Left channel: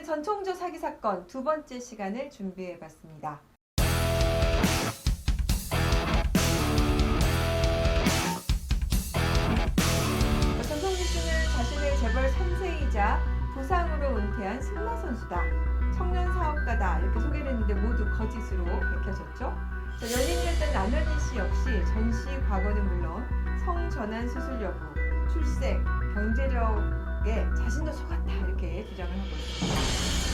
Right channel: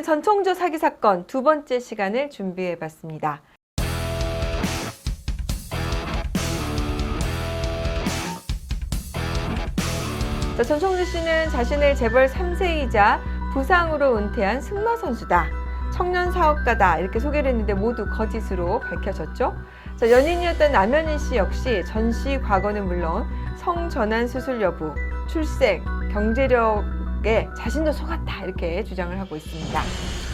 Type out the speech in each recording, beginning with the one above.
오늘은 전총조 사기 사건 두 번째 시간을 준비해봤습니다. 전총조 씨는 자신의 재벌 3세이자 부상으로 은퇴한 승마 선수다. 청년 사업가다. 이렇게 소개를 했는데 모두 거짓으로 밝혀졌죠. 연인이었던 남현희 씨 역시 전 씨 과거는 물론 성전환 수술 여부, 출생, 경제력에 자신도 속았다. 이렇게 주장을 하고 있습니다.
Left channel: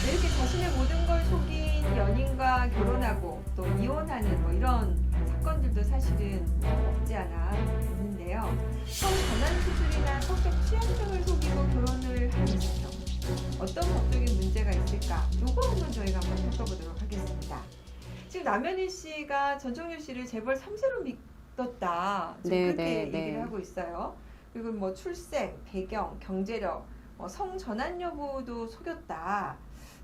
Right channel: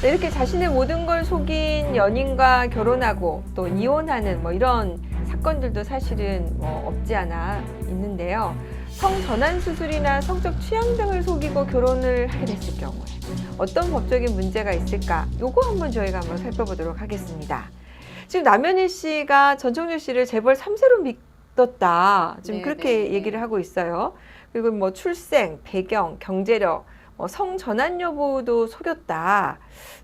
이렇게 자신의 모든 걸 속인 연인과 결혼하고 또 이혼하는 이런 사건들도 사실은 없지 않아 있는데요. 성전환 수술이나 성적 취향 등을 속이고 결혼을 하게 됐을 경우 어떤 법적인 문제가 있을까? 요거 한번 저희가 한번 살펴보도록 하겠습니다. 지금 남현희 씨가 전총조 씨를 재벌 3세로 믿었다. 지금 그렇게 얘기를 하고 있어요. 그리고 출생, 배경, 경제력, 성전환 여부도 속였다.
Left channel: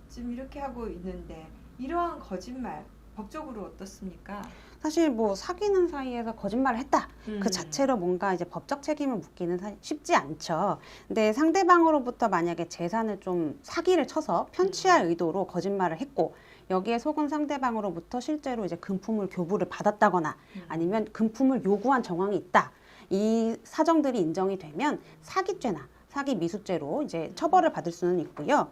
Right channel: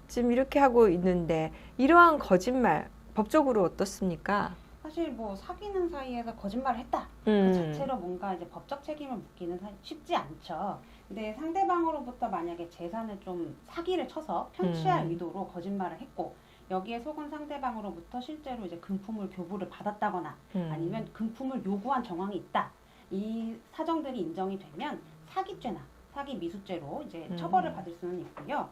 지금 이렇게 하고 있는데 이러한 거짓말 법적으로 어떻습니까? 사실 사귀는 사이에서 거짓말을 했다. 그 자체로 뭔가 이제 법적 책임을 묻기는 쉽지 않죠. 근데 상대방으로부터 만약에 재산을 좀 사기를 쳐서 편취할 의도로 거짓말을 했고 여기에 속은 상대방으로부터 실제로 이제 금품을 교부를 받았다거나 아니면 금품을 요구한 정황이 있다. 이 사정들이 인정이 되면 사기죄나 사기 미수죄로 이제 처벌을 받을 수는 있고요.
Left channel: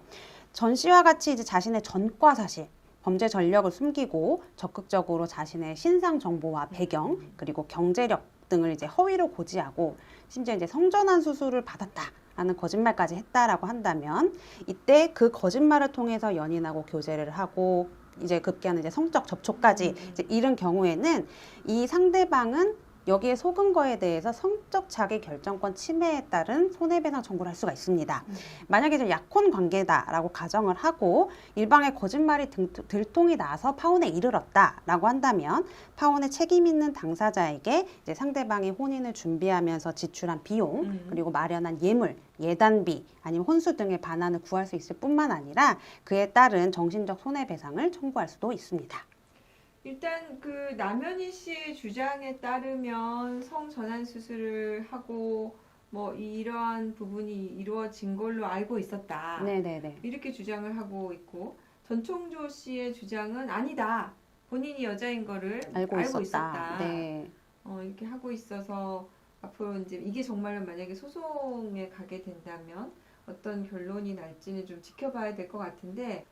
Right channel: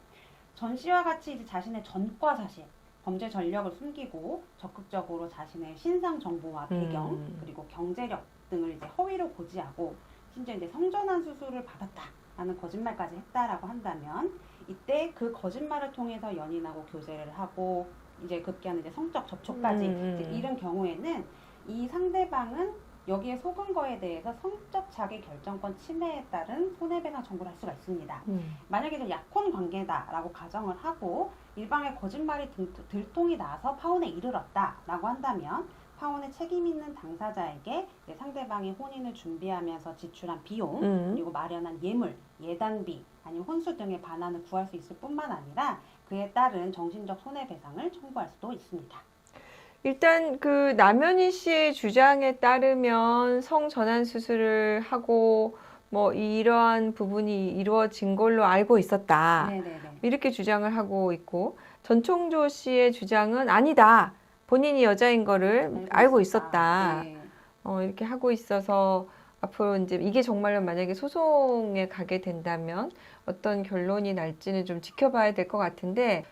전 씨와 같이 이제 자신의 전과 사실 범죄 전력을 숨기고 적극적으로 자신의 신상 정보와 배경 그리고 경제력 등을 이제 허위로 고지하고 심지어 이제 성전환 수술을 받았다라는 거짓말까지 했다라고 한다면 이때 그 거짓말을 통해서 연인하고 교제를 하고 이제 급기야는 이제 성적 접촉까지 이제 이런 경우에는 이 상대방은 여기에 속은 거에 대해서 성적 자기 결정권 침해에 따른 손해배상 청구를 할 수가 있습니다. 만약에 좀 약혼 관계다라고 가정을 하고 일방의 거짓말이 들통이 나서 파혼에 이르렀다라고 한다면 파혼에 책임 있는 당사자에게 이제 상대방이 혼인을 준비하면서 지출한 비용 그리고 마련한 예물, 예단비 아니면 혼수 등의 반환을 구할 수 있을 뿐만 아니라 그에 따른 정신적 손해배상을 청구할 수도 있습니다. 일단 그 남현희 씨의 주장에 따르면 성전환 수술을 하고 이러한 부분이 이루어진 걸로 알고 있었다. 네네네. 이렇게 주장을 하고 있고 전총조 씨의 주장은 아니다. 본인이 여자인 거를 알고 있었다. 네. 이렇게 하고 있어서 앞으로 이제 이게 정말로 만약에 소송에 가게 된다면 어떤 결론이 날지는 좀 지켜봐야 될 것 같은데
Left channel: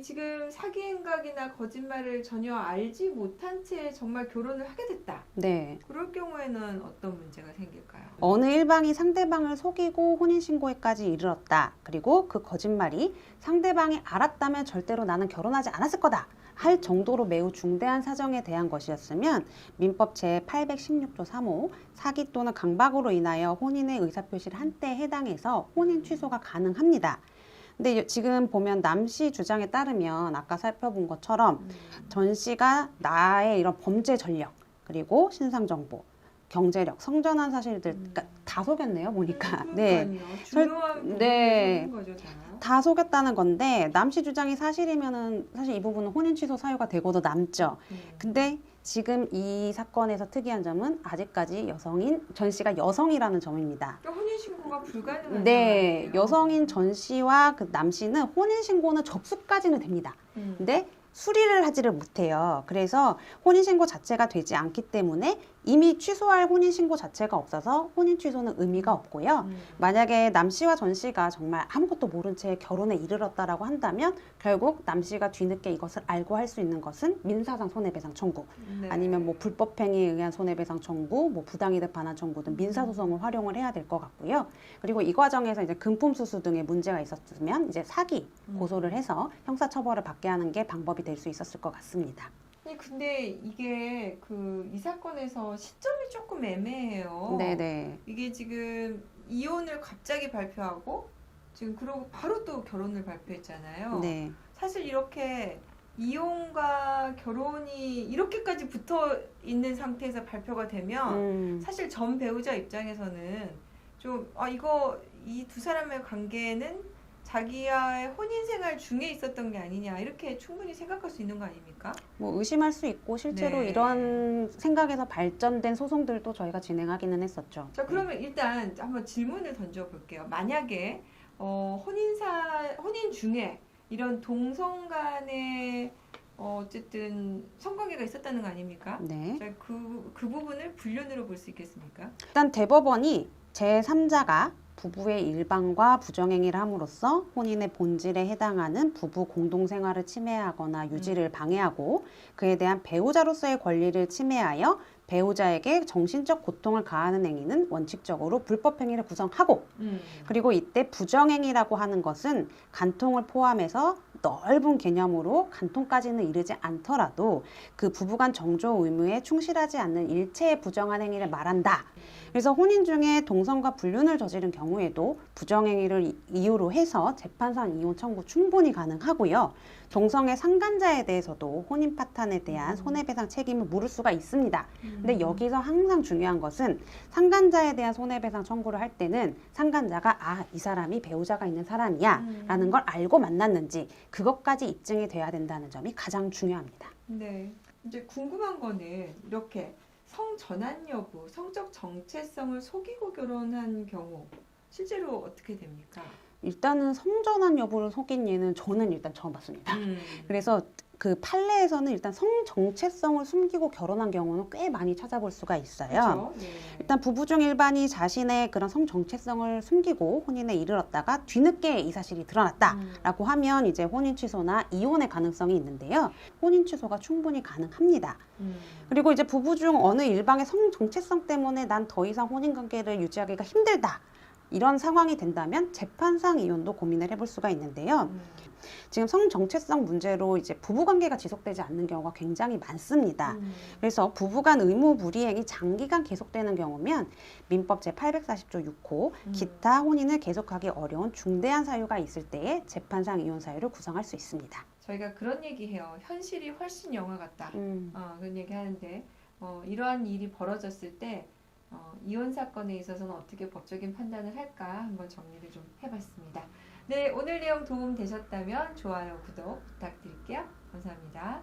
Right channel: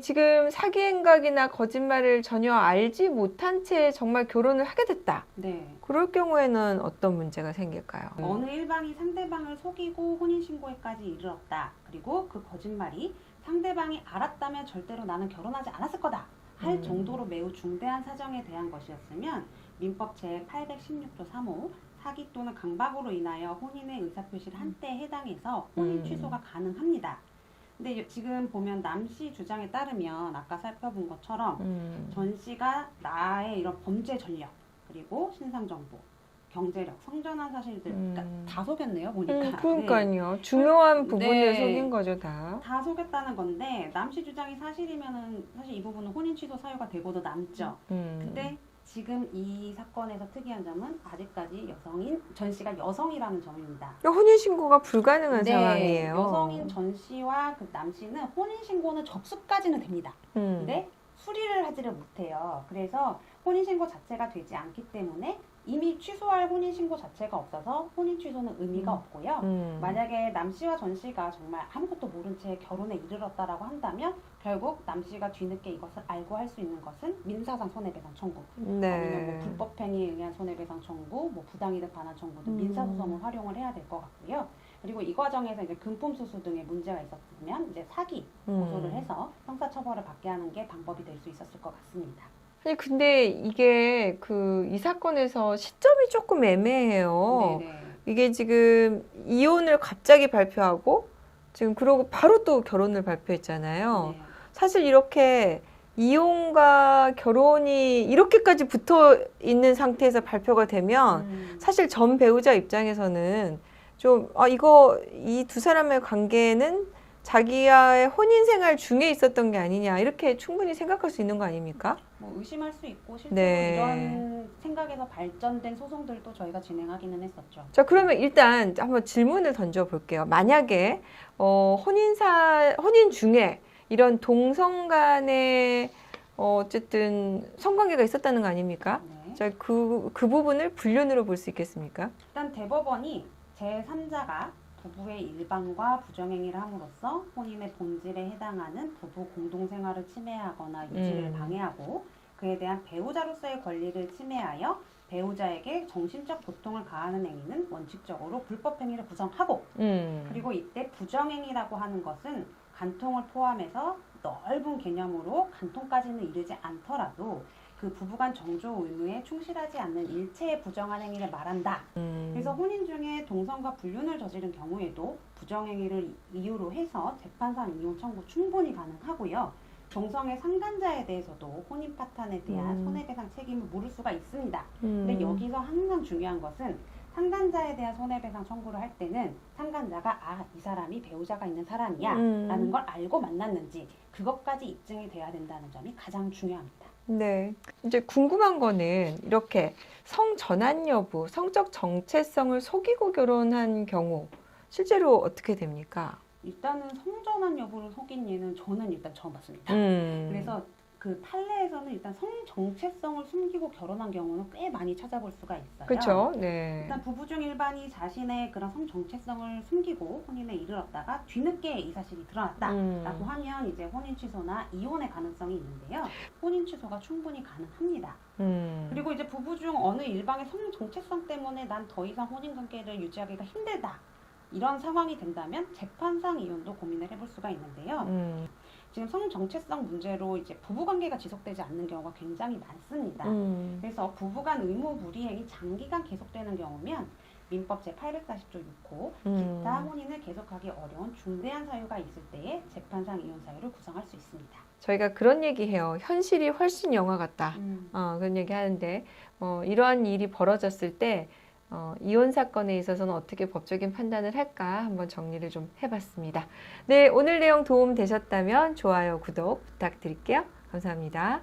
지금 사기 행각이나 거짓말을 전혀 알지 못한 채 정말 결혼을 하게 됐다. 네. 그럴 경우에는 어떤 문제가 생길까요? 어느 일방이 상대방을 속이고 혼인신고에까지 이르렀다. 그리고 그 거짓말이 상대방이 알았다면 절대로 나는 결혼하지 않았을 거다. 할 정도로 매우 중대한 사정에 대한 것이었으면 민법 제816조 3호 사기 또는 강박으로 인하여 혼인의 의사표시를 한 때에 해당해서 혼인 취소가 가능합니다. 근데 지금 보면 남 씨 주장에 따르면 아까 살펴본 것처럼 전 씨가 나의 이런 범죄 전력 그리고 신상 정보, 경제력, 성전환 사실들 다 속였네요 보니까. 그러니까요. 네. 중요한 부분을 네. 속인 거죠 다. 다 속였다는 건데 남 씨 주장이 사실이면은 사실 이 부분은 혼인 취소 사유가 되고도 남죠. 근데 지금 이 사건에서 특이한 점은 아직까지 여성인 전 씨가 여성이라는 점입니다. 혼인신고가 불가능한 상황이에요. 여성인 전 씨와 그 남 씨는 혼인신고는 접수까지는 됩니다. 근데 수리를 하지를 못해요. 그래서 혼인신고 자체가 되지 않기 때문에 이미 취소할 혼인신고 자체가 없어서 혼인 취소는 의미가 없고요. 만약에 남 씨와 전 씨가 정말 아무것도 모른 채 결혼에 이르렀다라고 한다면 결국 남 씨가 뒤늦게 이것을 알고 할 수 있는 것은 민사상 손해배상 청구 네. 아니면 불법행위에 의한 손해배상 청구, 부당이득 반환 청구 등 민사소송을 활용을 해야 될 것 같고요. 그리고 이 과정에서 이제 금품수수 등의 문제가 있었으면 이제 사기 고소를 해서 형사처벌을 받게 하는 게 방법이 될 수 있었을 것 같습니다. 아니 근데 이게 이 사건에서 시점이 조금 애매해요. 네네. 이게 지금 이혼을 갑자기 발표하고 지금 그러고 바로 또 결혼을 발표했잖아요. 네. 사실 이렇게 이혼과 결혼이 이렇게까지 붙어 있는 상태에서 발표가 되면 사실 전 배우자 입장에서는 좀 이 두 사람의 관계는 자기와의 혼인 생활 중에 있었던 게 아니냐 이렇게 충분히 생각할 수 있는 거 아닙니까? 의심할 수 있고 실제로 이러한 생각에서 발전된 소송들도 저희가 진행하기는 했었죠. 자, 그러면 일단 한번 질문을 던져 볼게요. 만약에 혼인 중에 이런 동성 간의 어쨌든 성관계가 있었다는 거 아닙니까? 네. 자, 그 부분을 불륜으로 볼 수 있겠습니까? 일단 대법원이 제3자가 부부의 일방과 부정행위를 함으로써 혼인의 본질에 해당하는 부부 공동생활을 침해하거나 유지를 방해하고 그에 대한 배우자로서의 권리를 침해하여 배우자에게 정신적 고통을 가하는 행위는 원칙적으로 불법행위를 구성하고 그리고 이때 부정행위라고 하는 것은 간통을 포함해서 넓은 개념으로 간통까지는 이르지 않더라도 그 부부간 정조 의무에 충실하지 않는 일체의 부정한 행위를 말한다. 그래서 혼인 중에 동성과 불륜을 저지른 경우에도 부정행위를 이유로 해서 재판상 이혼 청구 충분히 가능하고요. 동성의 상간자에 대해서도 혼인 파탄에 대한 손해배상 책임을 물을 수가 있습니다. 근데 여기서 항상 중요한 것은 상간자에 대한 손해배상 청구를 할 때는 상간자가 이 사람이 배우자가 있는 사람이야 라는 걸 알고 만났는지 그것까지 입증이 돼야 된다는 점이 가장 중요합니다. 네. 이제 궁금한 거는 이렇게 성 전환 여부, 성적 정체성을 속이고 결혼한 경우 실제로 어떻게 됩니까? 일단은 성전환 여부를 속인 예는 저는 일단 처음 봤습니다. 그래서 그 판례에서는 일단 성 정체성을 숨기고 결혼한 경우는 꽤 많이 찾아볼 수가 있어요. 그렇죠. 네. 일단 부부 중 일반이 자신의 그런 성 정체성을 숨기고 혼인에 이르렀다가 뒤늦게 이 사실이 드러났다라고 하면 이제 혼인 취소나 이혼의 가능성이 있는데요. 혼인 취소가 충분히 가능합니다. 그리고 이제 부부 중 어느 일방의 성 정체성 때문에 난 더 이상 혼인 관계를 유지하기가 힘들다. 이런 상황이 된다면 재판상 이혼도 고민을 해볼 수가 있는데요. 지금 성 정체성 문제로 이제 부부관계가 지속되지 않는 경우가 굉장히 많습니다. 그래서 부부간 의무 불이행이 장기간 계속되는 경우면 민법 제840조 6호 기타 혼인을 계속하기 어려운 중대한 사유가 있을 때에 재판상 이혼 사유를 구성할 수 있습니다. 저희가 그런 얘기해요. 현실이 훨씬 영화 같다. 그런 얘기 하는데 이러한 일이 벌어졌을 때 이혼 사건에 있어서는 어떻게 법적인 판단을 할까 한번 정리를 좀 해봤습니다. 네, 오늘 내용 도움 되셨다면 좋아요, 구독 부탁드릴게요. 감사합니다.